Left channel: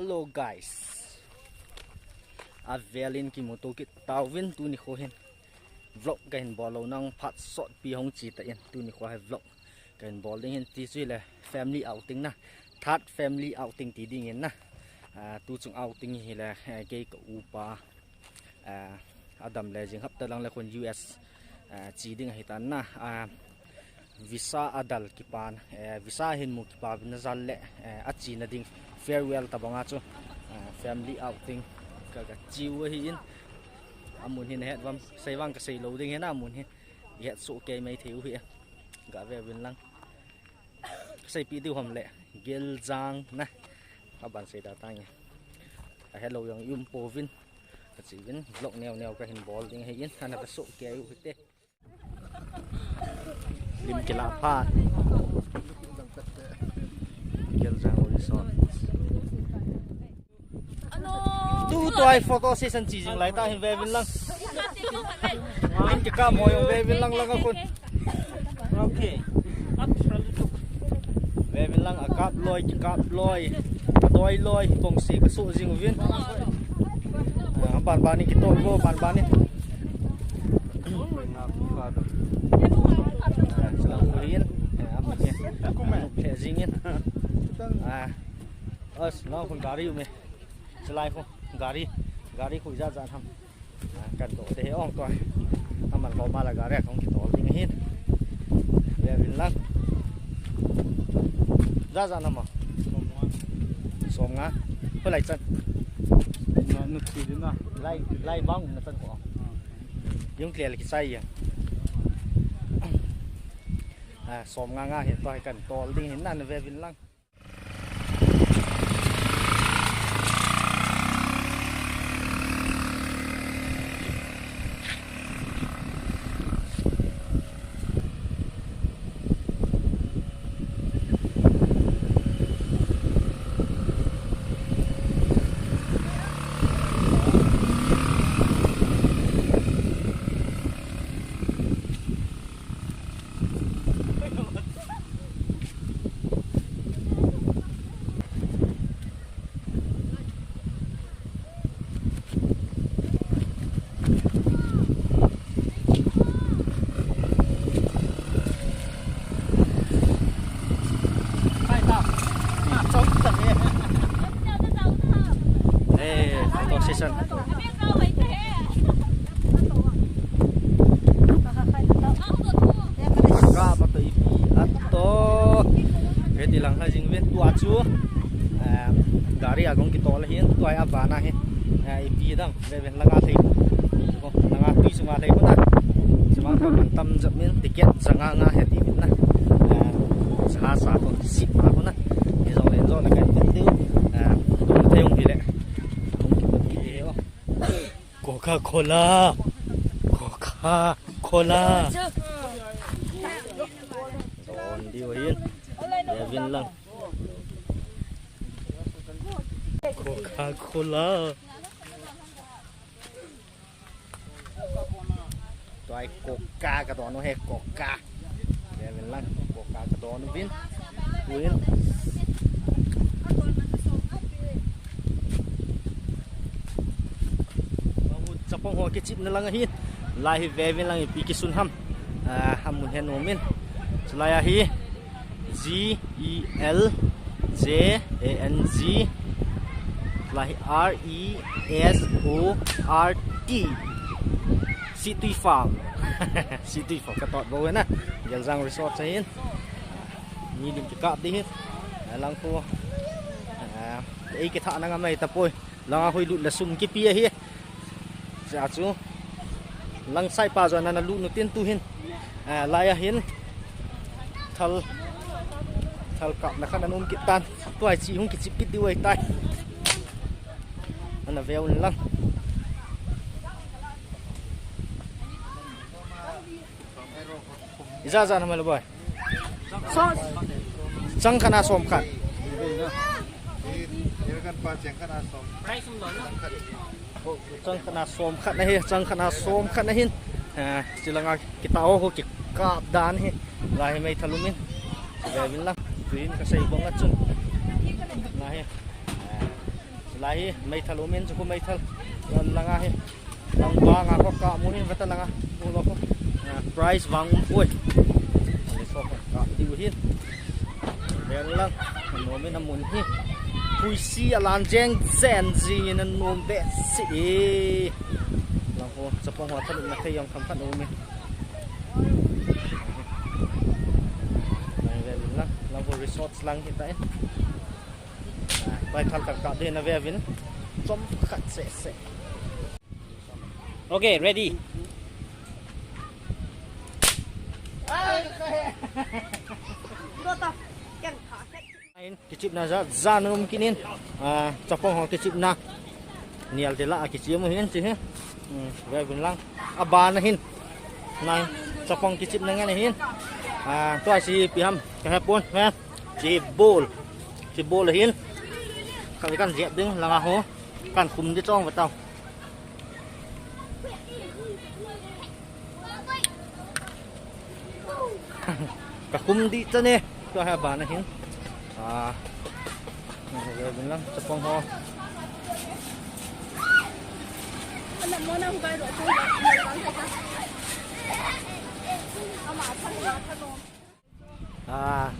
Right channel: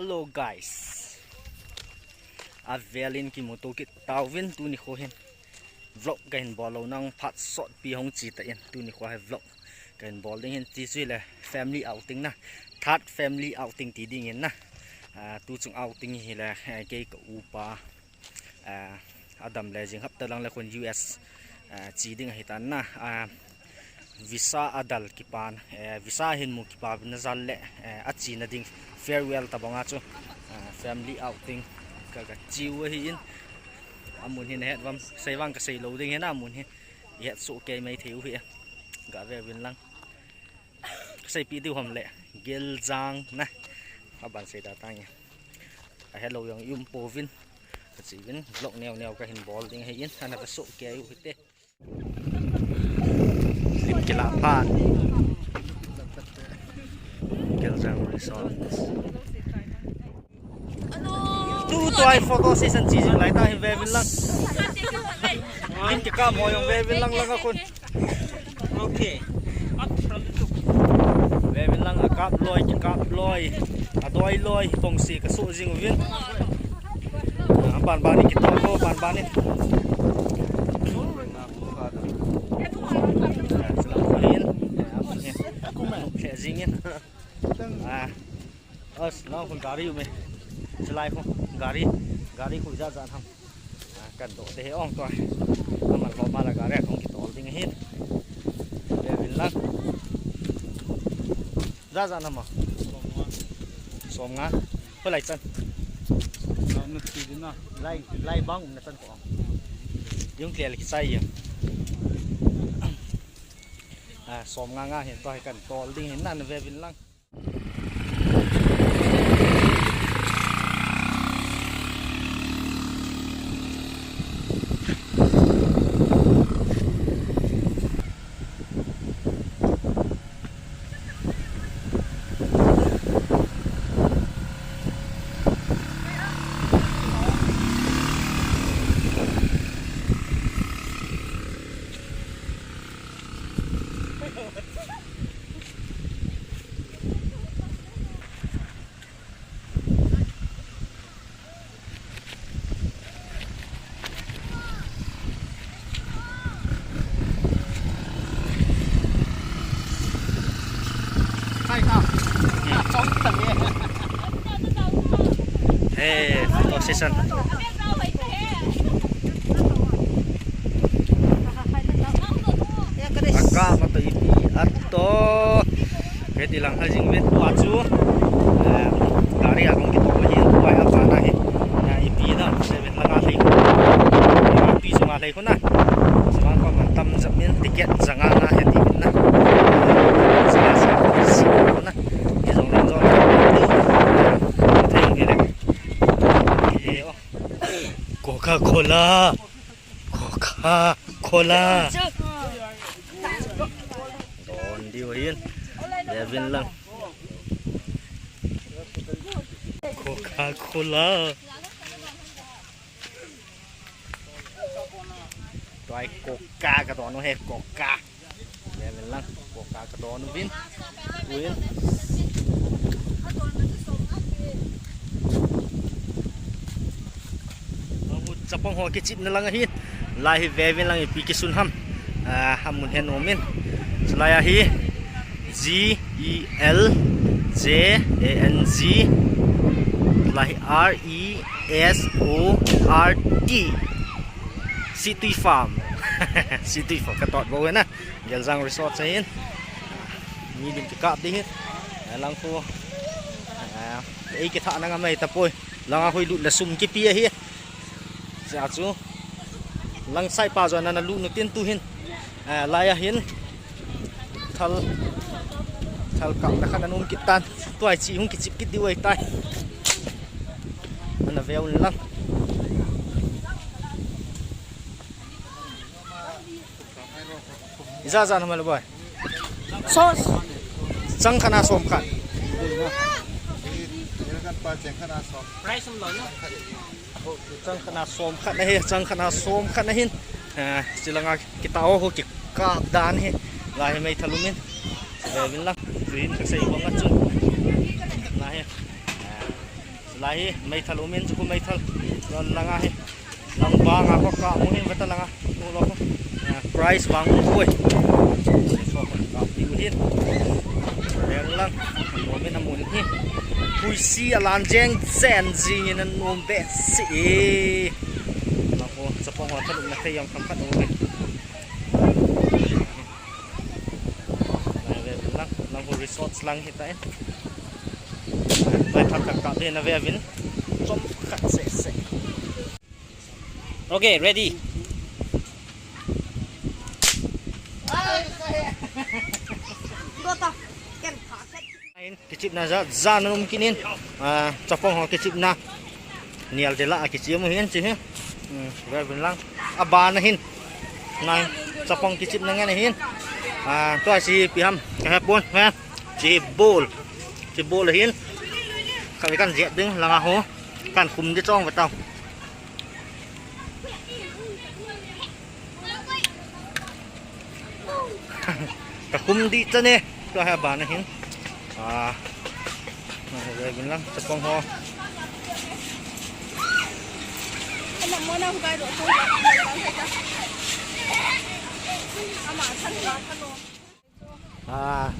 Hello guys, Avelin ki moto ki tawin tu ni ko hin vlog kain bolo nang phat sot pi hong chi ta in tu ni ko hai vlog kain bol ding hin ti sui le family outing na third family outing ti ding in na tu chung outing hi le ke ka upa Adam le jing hap ta lang le kon US chi ding hi tan na visa adal kipan visa hin mu kipa na zal le achi na ding farewell tabanga chu family outing ka chiu hi in amun hin het wam seiwang ka sei lo ding hena amun hi het so ke mai theu hi ga ve win lang sei pi tu hom le gel jang na aban sei da tang hello yang yum povin ka chi win vlog neo ka hin ball ding hi in ana ka so ke yu te lim kila pan gel jang resort tu toy photo session chi jing lai ta hi ve win lang lim ki ka mo yong ve win lang lang akun okay ve win lang akap loi ki kap loi doi loi tong si ka su jing win ban ban ni ki tol ko ban ban ni salam alin apa ni aku mai ke jingin as long kun gari yu me selai ko gari khui ra ra tham kan to te ong ko amal ko mala gari kong ki tol ding hin ve win lang ra ra nam ma som nga ko lai chan lai bang na chan ko yung clear ki sai ya som nga hiện to kan tol ding hin nan ve win lang photo session aka mato ipi atto ke dilang ha jing ven tua chu gari agong ki tol hin tuai apa na he ipi da seven langa thei ma pi chu ma thei na sama ko man tam jamin ticket janga na he ti na sama sa si na ki jong len zo thei ki le Coca-Cola don đi hin để viên lăng Coca-Cola toai Coca cái đó nó hết Coca để viên lăng Coca cái đó nó vin win sapong ho ke chip na lang hi lai ve lang pi ki sun ham hamun hen omen slaya hi GELJANG lai RESORT City Farm City Farm ka tot bo na gel jang resort sa hin ni dim ki kap di hin lang ko ei ki tha na nga mai tapoi lang hoi lut la sum ki pi hi dạ chú lăng sai pa rồi là lũ nó tiên tu hin lai hin thal cọng là khăn ôm kít tan tuổi chị không kít chip kít tiêu ấy tay anh là veo lăng ra làm gì vậy trăng khana xôm khăn trăng khana xôm khăn này trăng khana xôm khăn này hin chỉ là kita oh ki ka dan he lai mai thalumin về bên lăng green ka sei bong achun na he lahi mai thalo men chu mai thal langa he lang ba nga ko ka mu hin wata langa nu lo ko price wang koi so ko ka ti hin ler lang no men amun hi pui si alan jeng zen ji in an nom be si lang ko sa pong wa thaluk na thai yang tham khan no me lang ko resorts lang hitaไปทำกับกับเดนนะเววินจมขัดเสะโอเค ready กิจิบนะจะจานมกินินจะฟองของกิจิบนะเนียลเดล่ากิจิบมาเห็นสิฮะเววินลังอบานนะเห็นนายจะฟองกิจิบนั่งไงเห็นตัวสีปีฮัมกระแหบนแม่จีโบลเลยเห็นข้าไปกันเสียบดึงลังอาหัวกันคุมที่จ้องไปเตากระคุมดีจ้ะเนี่ยตัวแหบบานนะเห็นเลยเป็นลังจะปองหัว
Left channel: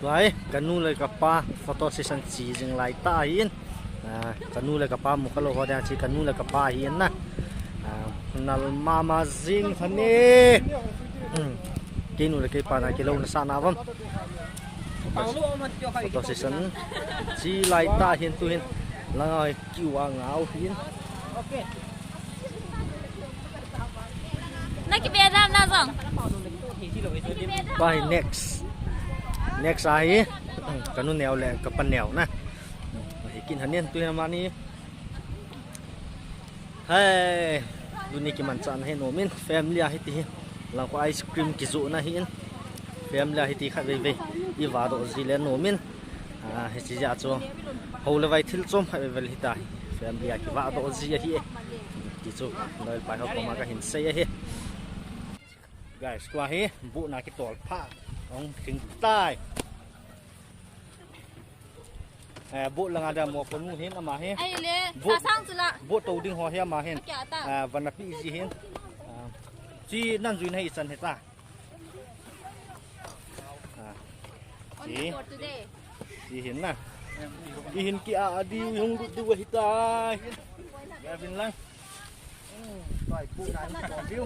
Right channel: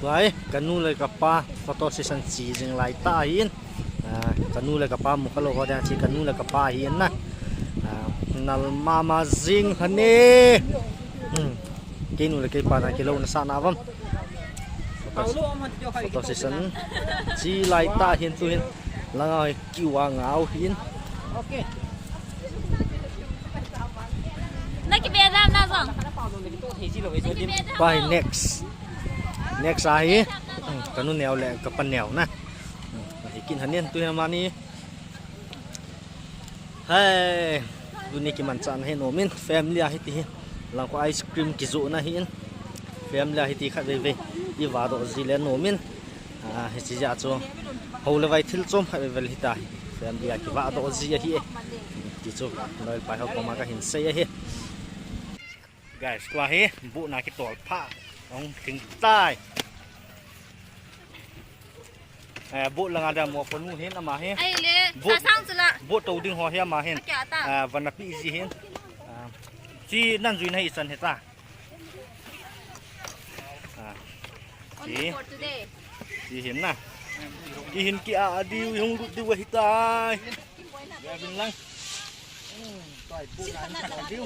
ตัวไอ้กันนู่นเลยกับป้าฟอโต้เซสชั่นสีจึงไล่ตาหินกันนู่นเลยกับป้ามุขโลกเขาเดินชีกันนู่นเลยกับป้าหินนะนัลมาซิงฮันนี่กินนู่นเลยกับป้านะกิโลนัสานาวัมฟอโต้เซสชั่นสีไล่ตาหินตัวหินแล้วไอ้คิวางเอาหิน那个别让那上。ไป next aíกันนู่นแนวแหละกับปันแนวนะให้กินหันเนี่ยตัวน้ำมันนี่เฮ้ยดูนี่กิมันจานให้โนมินแฟมิลี่ให้ตีหลังก็ไอศครีมกิจุนะเห็นแฟมิลี่ให้ตีขัดเว่ยอีวาโดซิเลนโนมินให้จีจ่าจ้ฮูเลไว้ทิลจอมให้เวลฮิตาแฟมิลี่กิวาโดซิเฮียตีจ้น้อยไปเขาก็มาก็เห็นเสียเฮguys ตัวเฮบุนาคิดตัวผ้าองถึงใต้บุลังada mau ponu hen ama hen ai le sa sang zula bu tau ding ho he ama hen van pi si hen si nan zui nai san heta si hen na si hen ki a diu hong du wa hitai ya bin lang tai pu na ni ko diu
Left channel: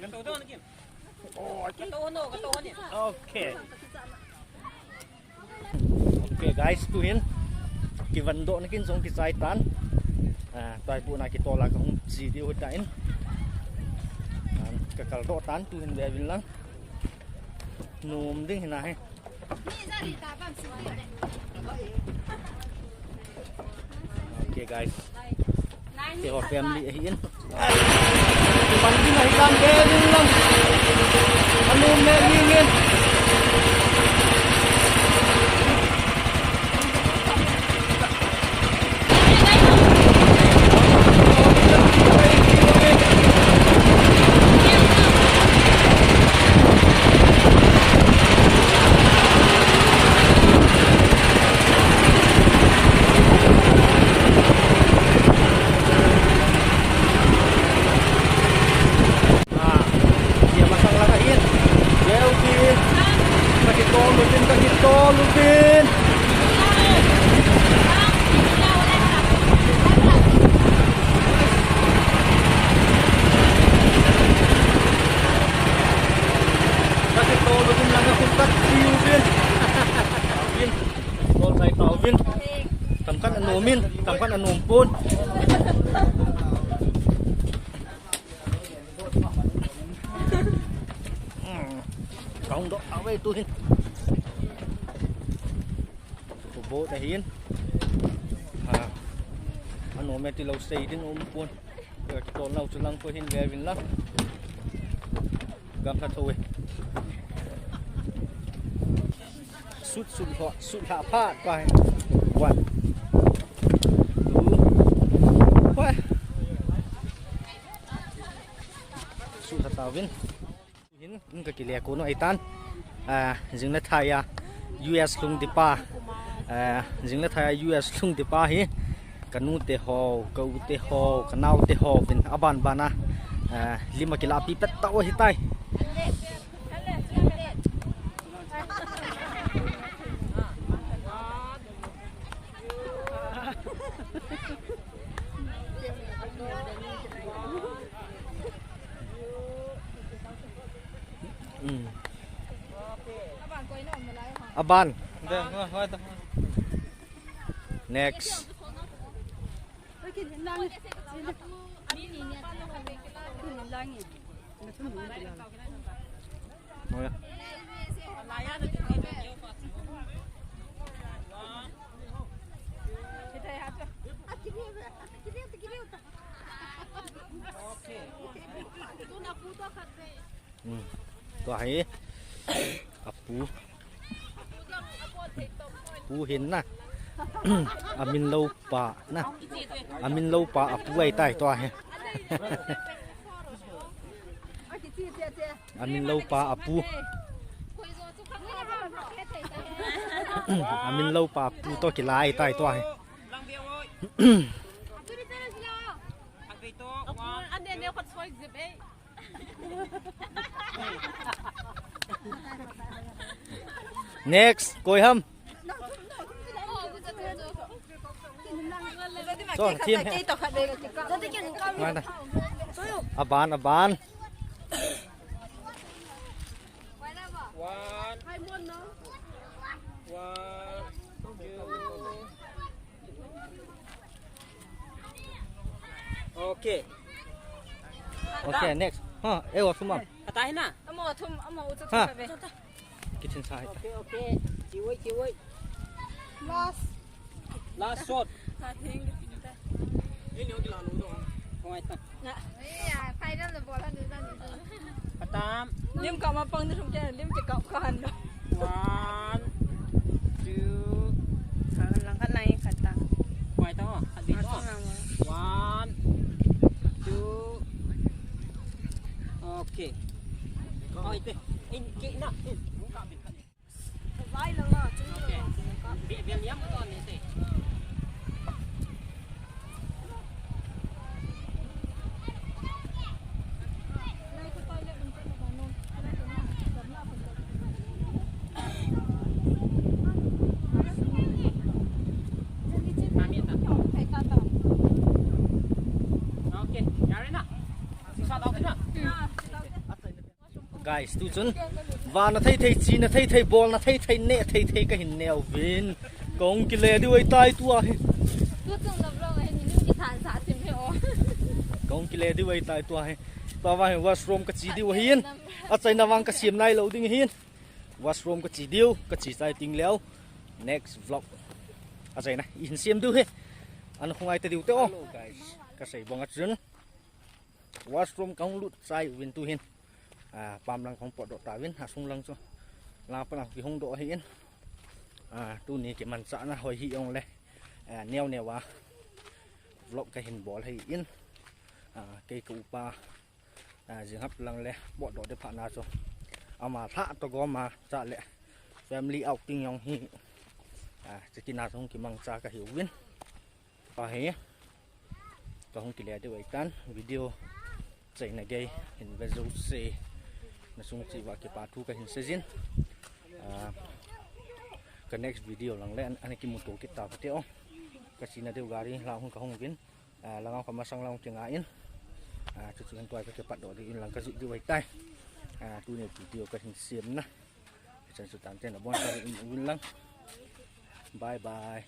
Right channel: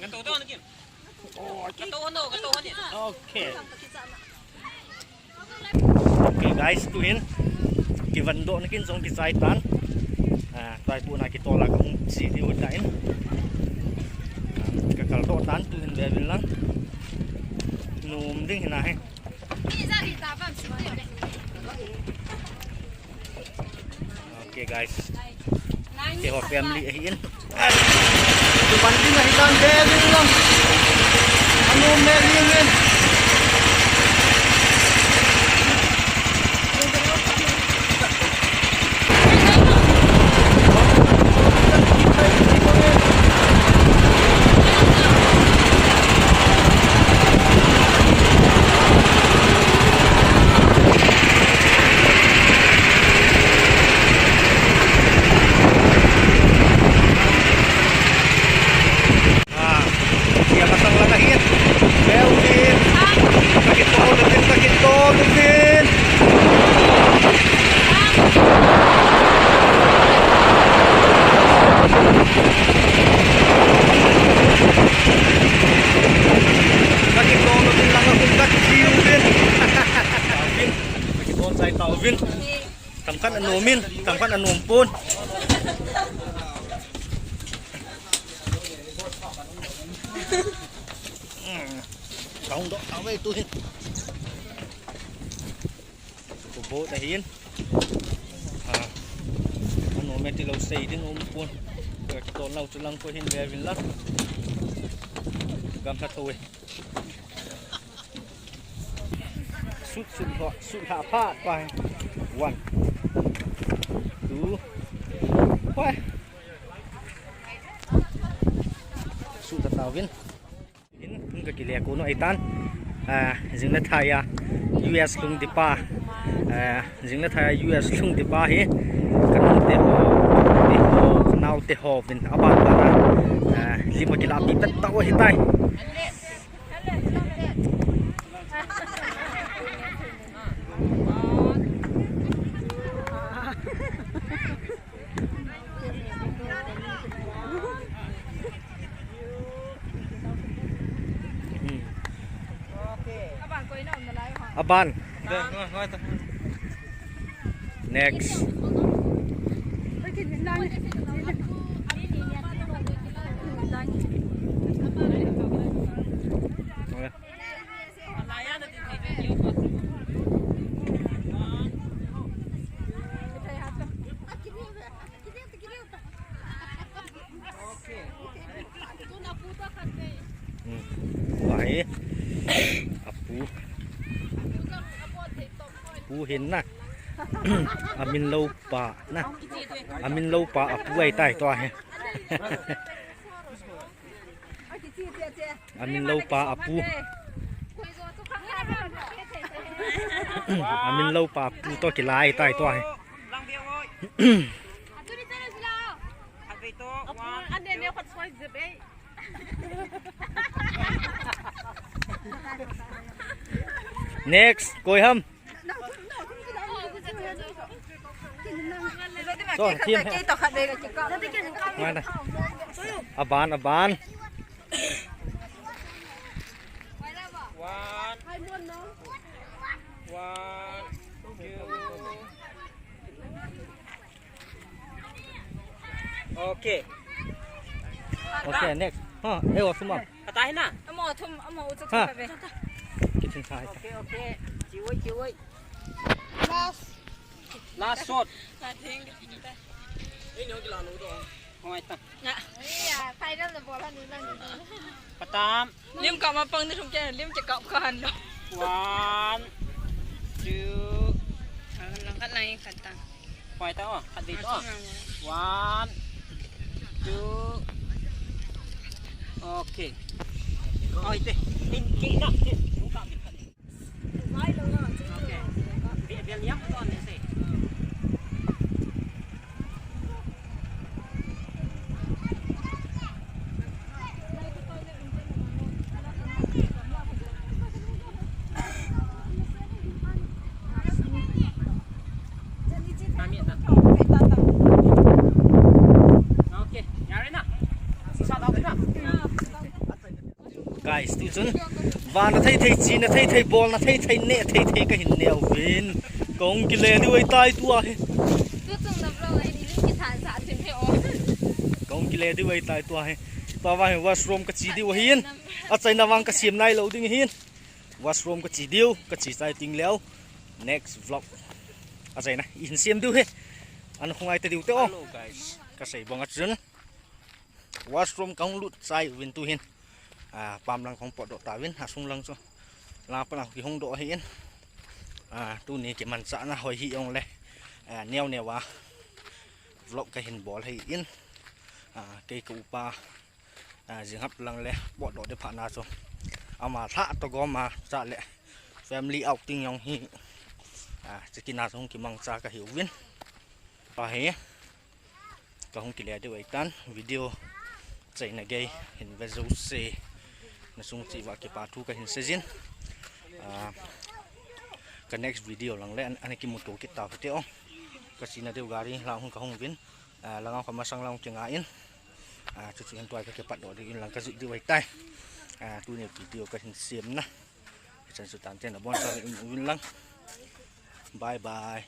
gan to don kim gan to no ni okay okay guys tu hin ki vando nakin song ki saitan tai pu na ki tola ka si di udain kakal do tan tu hin be bin lang num ding hina he okay guys ke ho family hin tu bandi na hitan be bin lang anu me lingin Lugin. Kaki tolo din lang ako katsiw din. Tawin. Kaki tolo tayo tawin. Tamkan anumin. Tamkan anumpun. Kaung do tawe itu hin. Bộ tại hiên anh ôm thì lâu xây đến ôm buồn cái con lâu từ lăng qua hiên về vinh lắm gam thật thôi sút hạ phát qua one quá sút thật tao vinh hiên cái lẹ của nó ấy tan dừng nó thay US lung đi pa jing na thai US lung ti pa hi kanung te ho nau te ho vin aban bana lima kila pi pet ta hi tai aban next vậy apu hin na amin lâu pa na amin lâu pa apu ai tai to he amin lâu pa apu amin lâu pa apu to ki lai tai to he next coi hâm rồi thêm ngoài này aban Okay. okay next ha ewa sumam Patay na. ha kitchen side Okay. Chiwoy. Last shot. Ini yung kilano doon. Okay ta. Patam. Liêm cọ mà bưng thì không chơi, liêm chỉ cọ còn đâu. 1, 2. Lang kat lang kat ta. Okay ta oh. At dito. 1, 2. Okay. Okay te. Hindi na. Okay. Biar liam to ni te. guys tu chun và nó thấy chi nó thấy ball nó thấy nè thấy cái hình nèo vin công cái lề đi ai tai tua he Tu tung lập rồi anh đi cái thản xã thuyền theo. công cái lề đi ai tai tua he tao vào washroom cái chi đi hiên ở trên nào vang cái xiêm này lâu đi hiên washroom cái chi điêu cái chi sai ting léo next vlog ở trên này in xiêm điêu he anh không ai tới điêu tao cái sấy bong ở trên washroom công lụt sai vin tu hiên pam langของปอดตาวินหาซุงลังซะลาปลังที่ห้องโดเห็นตู้นี้เก็บมันสะนะหอยหิองเลยแนววะวล็อกก็เห็นบอลให้อินเกยกูปลาจึงฮับลังเลยปอดได้ผ่านนาซะเอามาท่าตะกอมาจะเลย family outing ยองหิจะกินนาซงกิมังซาก็หิววินปลาเหี้ยก็ห้องกิเลสด้วยกันวิดีโอใจในเกยเห็นเวซูเซna sung chi wa ke pa thu ka hin sejin ka next video lang le an ki mu to ki ta phate ong ka sina deu gari la hung ka hung vin la ngau ka masang lang chenga in chu chu han toy ka ke pat do de in lang ka zu di wai tai tu ne video ka hin siam na chan su tan ten na bon sa in win lang bye bye